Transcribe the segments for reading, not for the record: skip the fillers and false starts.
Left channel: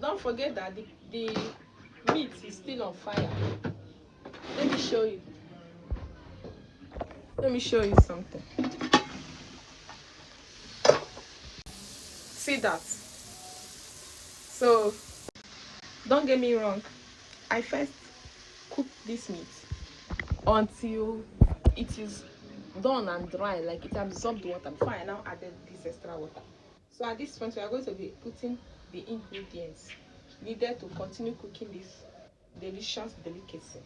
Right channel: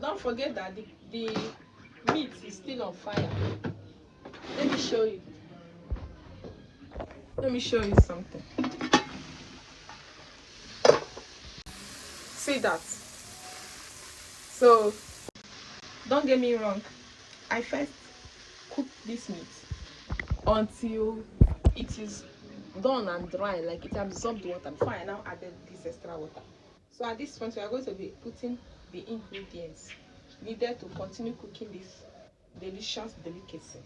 Don't forget that the meat is still on fire. Let me show you. Let me show you something. See that? So don't get me wrong. I first cook this meat until it is done and dry, like it absorbed water before I now added this extra water. So at this point we are going to be putting the ingredients needed to continue cooking this delicious delicacy.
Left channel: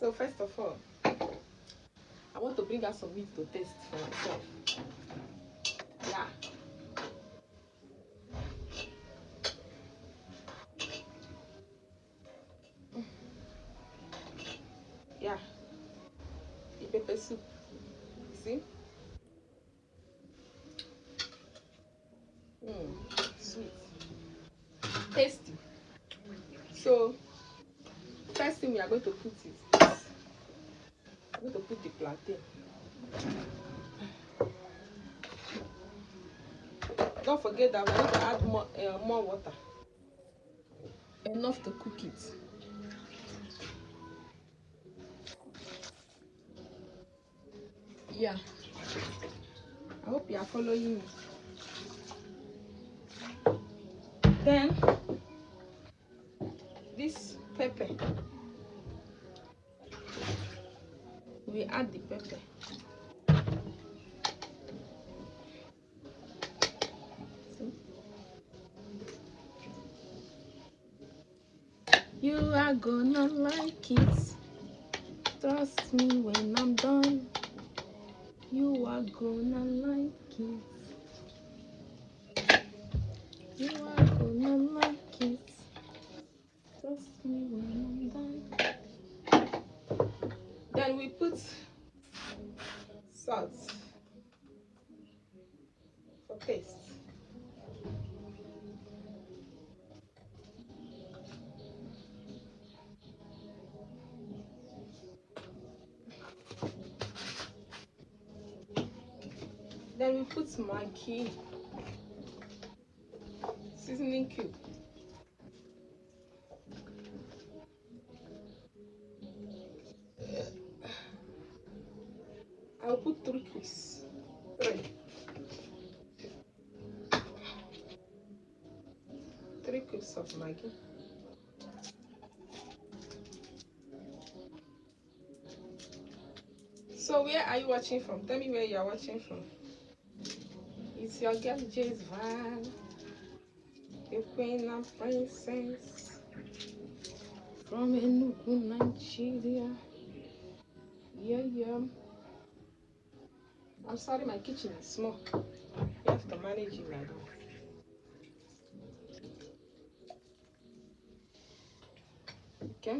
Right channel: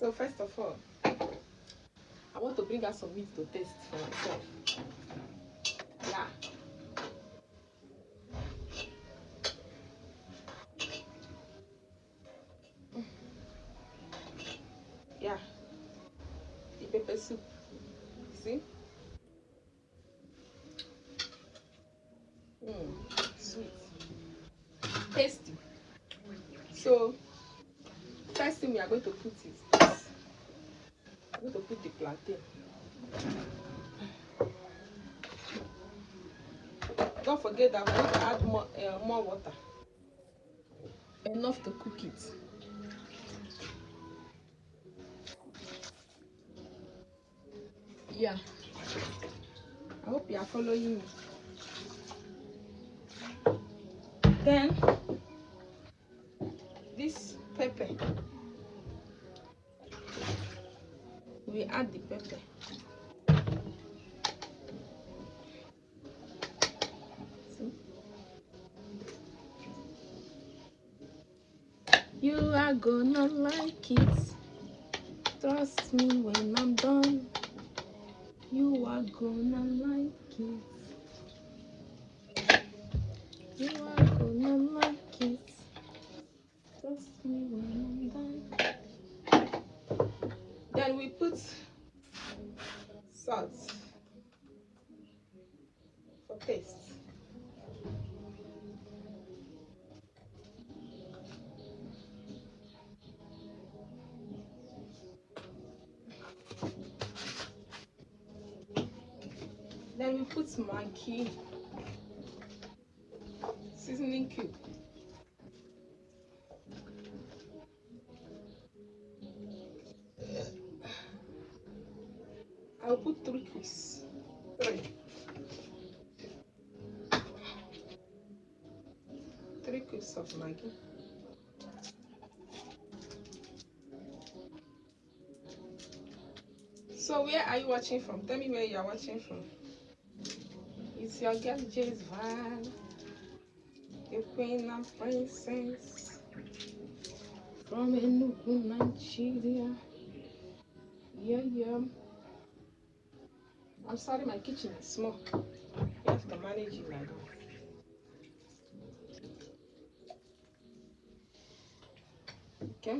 So first of all, I want to bring out some meat to taste for myself. Yeah. Yeah. The pepper soup. See? Sweet. Tasty. So first thing we are going to put is this. I'm going to put the plantain. Don't forget that we're going to add more water. Enough to cook it. Yeah. I hope you are following me. Then this pepper. We add the pepper. See? You are gonna like it. Trust me when I'm done. You are gonna like it. You are gonna like it. Trust me when I'm done. Then we put salt for taste. Then we put Maggi seasoning cube. I'll put 3 cubes. 3 cubes of Maggi. So where are you watching from? Tell me where you are watching from. It's your girl Jay's Van, the queen and princess from Enugu, Nigeria. Yeah. I'm sorry, my kitchen is small. You have to manage it like that. Okay.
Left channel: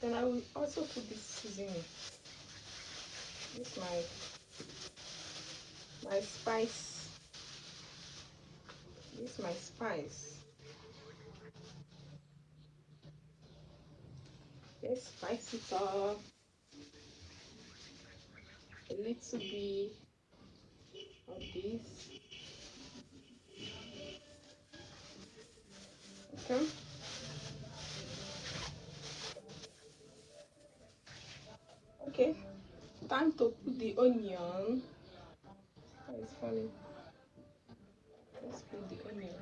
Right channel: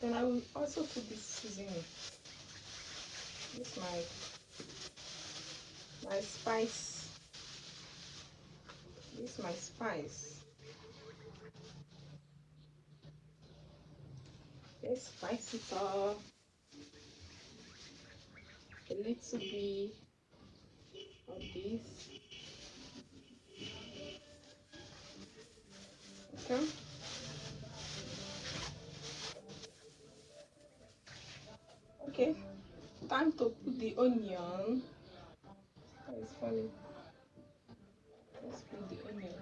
Then I will also put this seasoning. This is my spice. This is my spice. Let's spice it up a little bit of this. Okay. Okay. Time to put the onion. That is funny. Let's put the onion.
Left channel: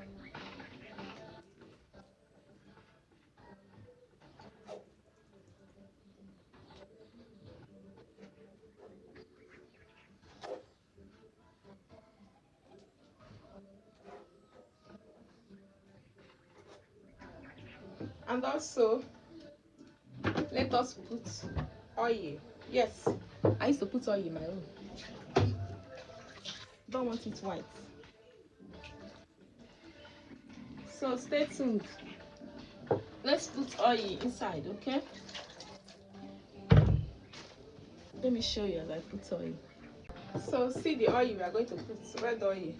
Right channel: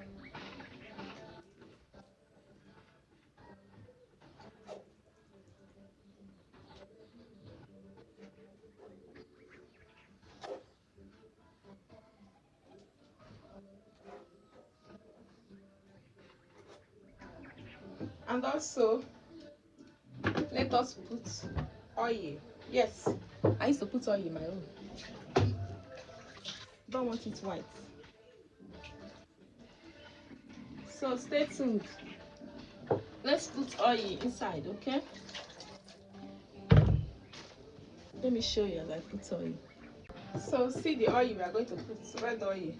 And also, let us put oil. Yes, I used to put oil in my own. Don't want it white. So stay tuned. Let's put oil inside, okay? Let me show you as I put oil. So see the oil we are going to put, red oil.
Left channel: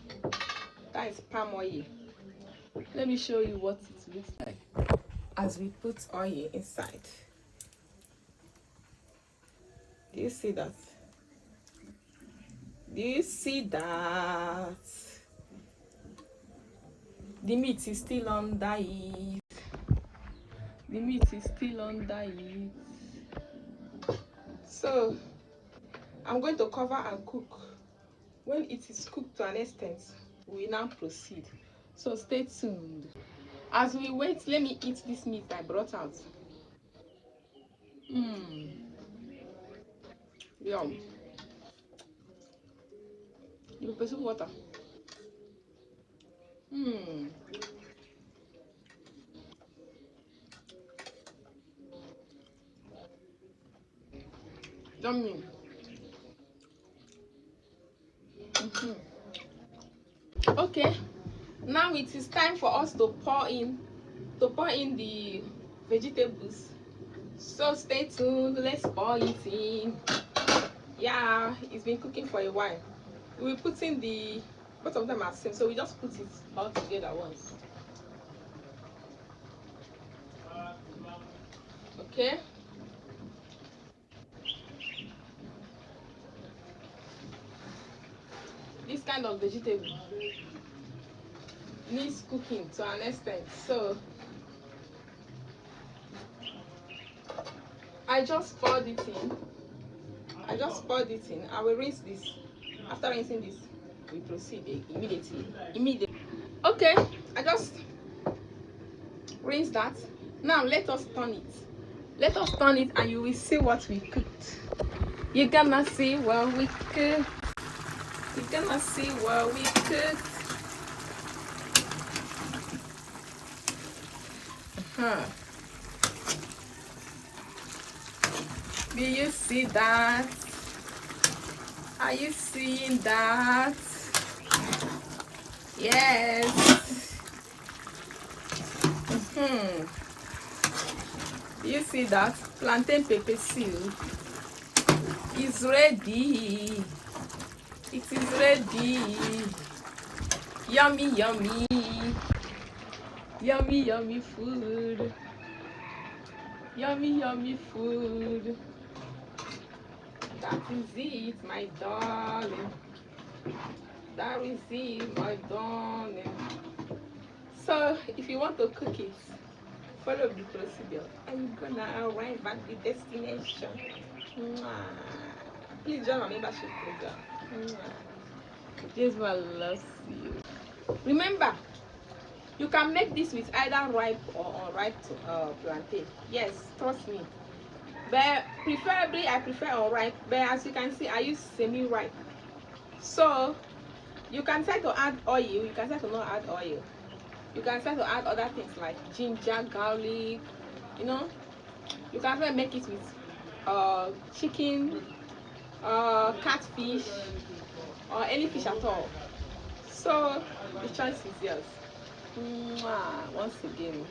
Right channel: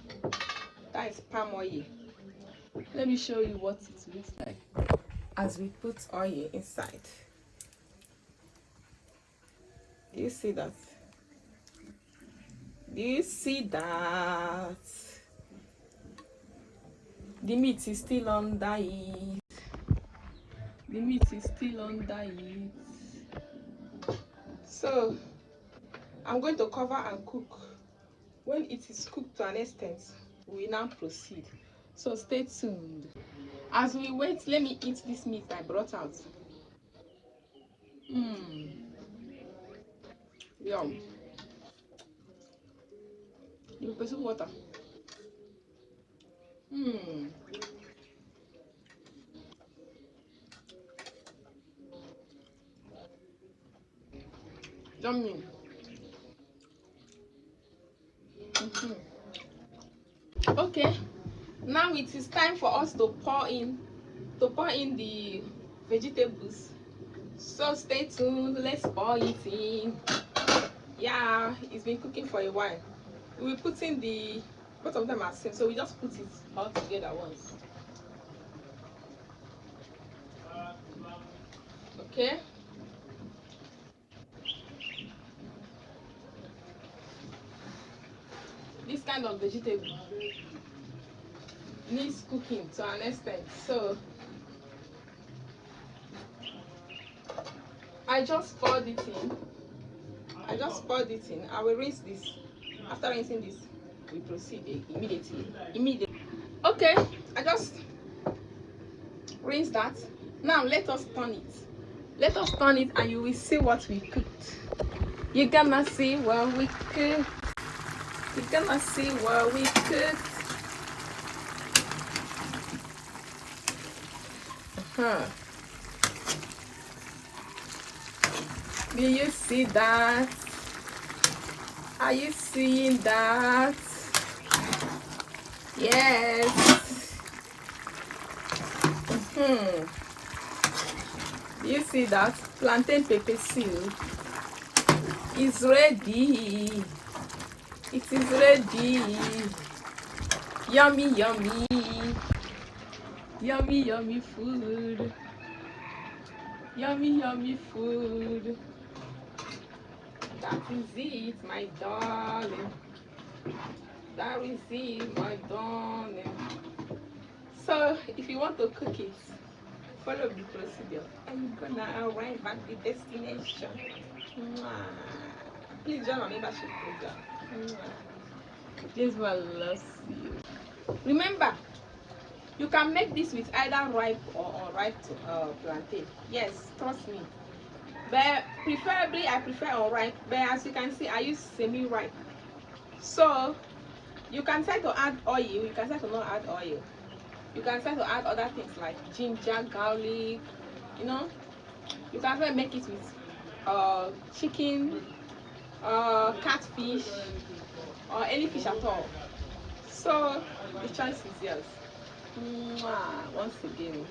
That is palm oil. Let me show you what it looks like as we put oil inside. Do you see that? Do you see that? The meat is still under it. The meat is still under it. So I'm going to cover and cook. When it is cooked to an extent, we now proceed. So stay tuned. As we wait, let me eat this meat I brought out. Yum. You put some water. Yummy. Okay, now it is time for us to pour in the vegetables. So stay tuned. Let's pour it in. Yeah, it's been cooking for a while. We're putting the both of them are same, so we just put it all together once. Okay. This kind of vegetable needs cooking to an extent, so I just poured it in. I will rinse this. After rinsing this, we proceed immediately. Okay, I just rinse that. Now let us turn it. And you will see what we cooked. You're gonna see what we cooked. Do you see that? Are you seeing that? Yes. You see that? Plantain pepper soup is ready. It is ready. Yummy, yummy. Yummy, yummy food. Yummy, yummy food. That is it, my darling. That is it, my darling. So, if you want to cook it, follow the procedure and you're gonna arrive at the destination. Please join my membership program. This one loves you. Remember, you can make this with either ripe or unripe plantain. Yes, trust me. But preferably, I prefer unripe. But as you can see, I use semi-ripe. So you can try to add oil. You can try to not add oil. You can try to add other things like ginger, garlic. You know, you can try to make it with chicken, catfish, or any fish at all. So the choice is yours. Once again.